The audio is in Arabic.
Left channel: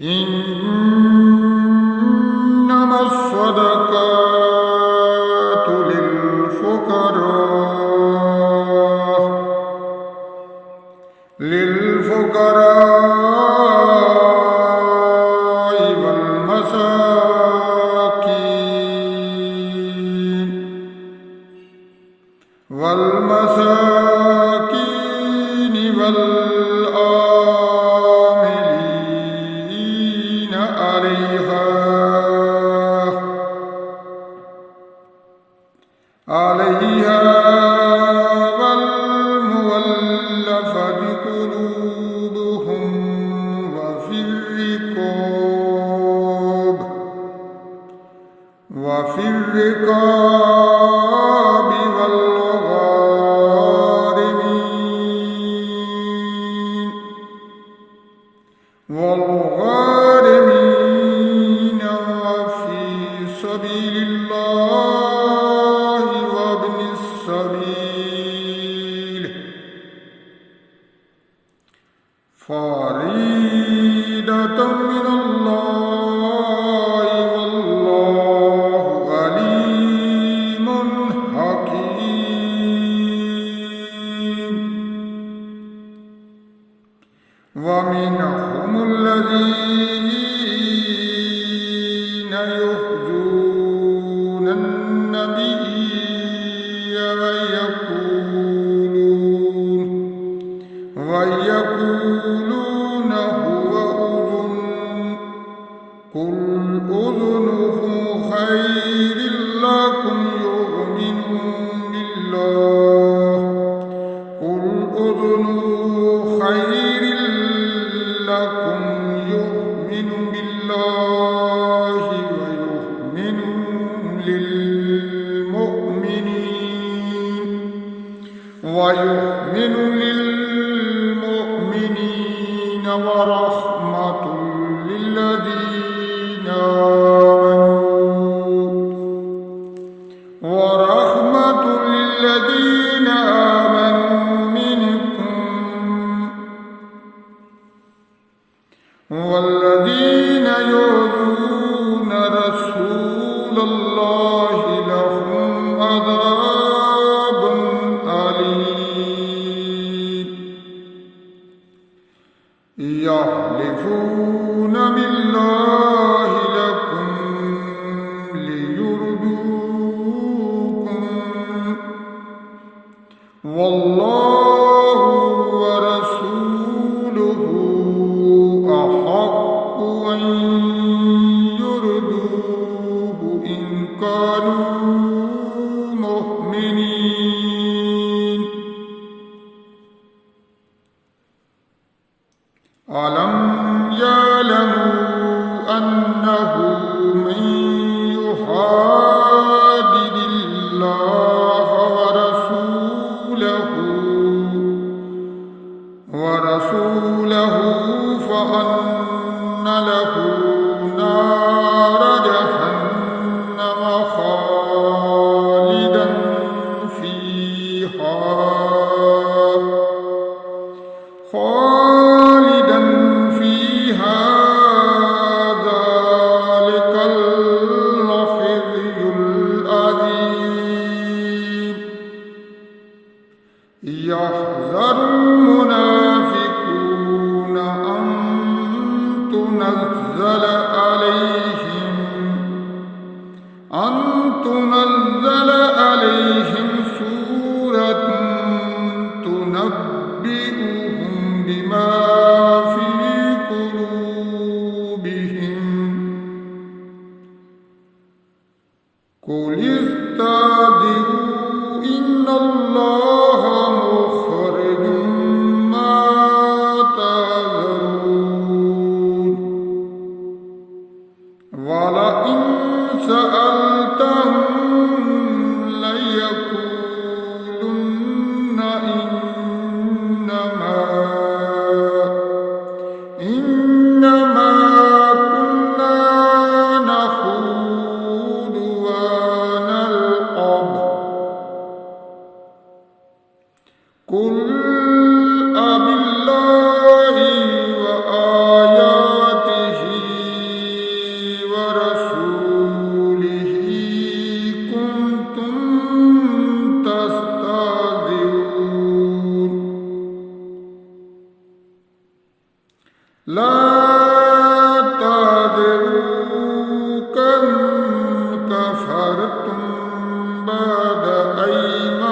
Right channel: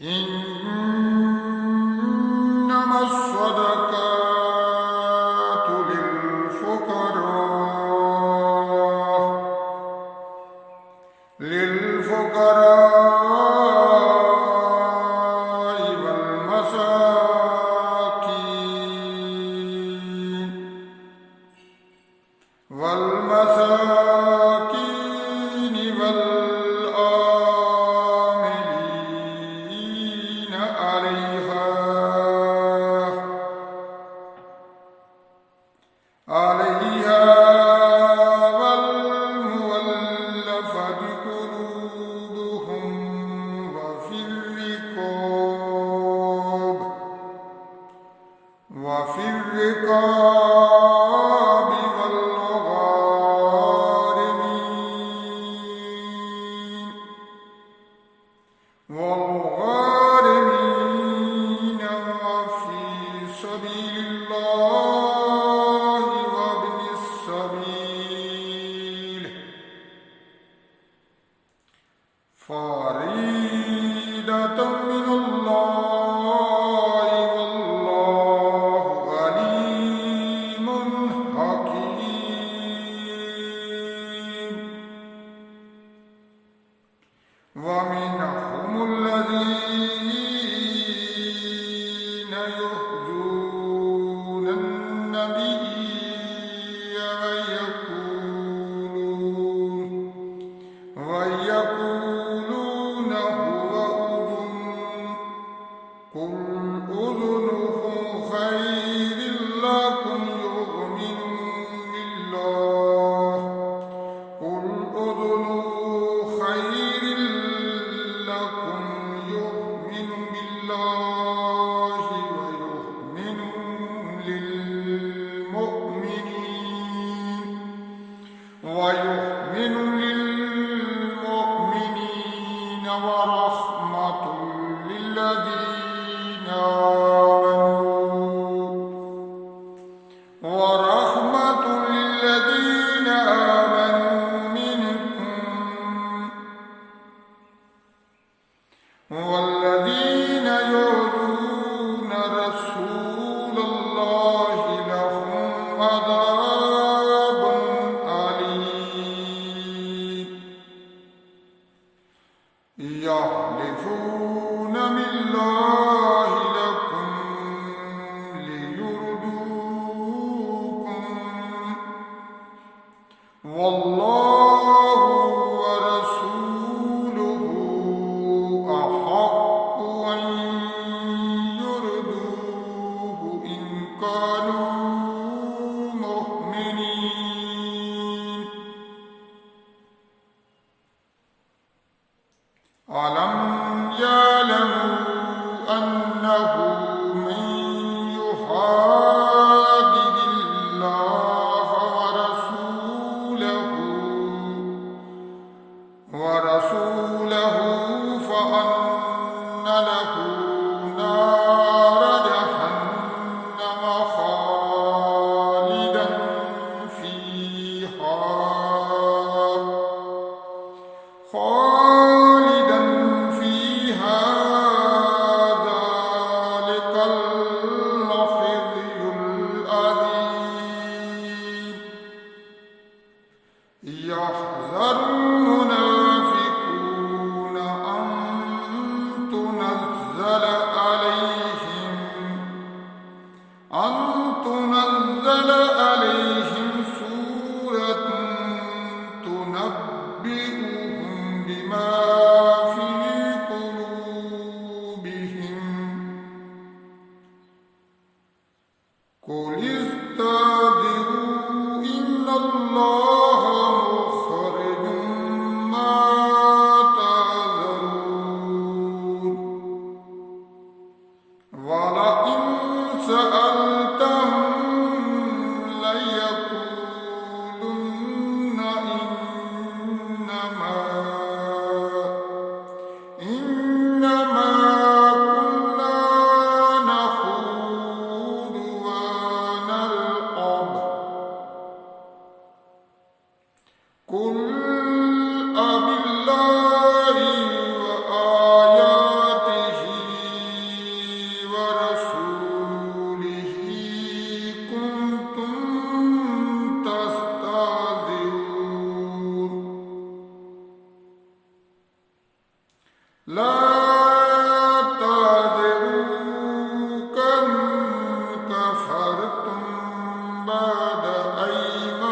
إنما الصدقات للفقراء والمساكين والآملين عليها والمولفة قلوبهم وفي الرقاب والغارمين وفي سبيل الله وابن السبيل فريضة من الله والله عليم حكيم. ومنهم الذين يؤذون النبي ويقولون هو أذن قل أذنه خير لكم يؤمن بالله ويؤمن للمؤمنين ورحمة للذين آمنوا منكم والذين يؤذون رسول الله لهم عذاب أليم. يحلفون بالله لكم ليرضوكم والله ورسوله أحق أن يرضوه إن كانوا مؤمنين. ألم يعلموا أنه من يحادد الله ورسوله فأن له نار جهنم خالدا فيها ذلك الخزي العظيم. يحذر المنافقون لا تعذروا كم كفرتم بعد أيمانكم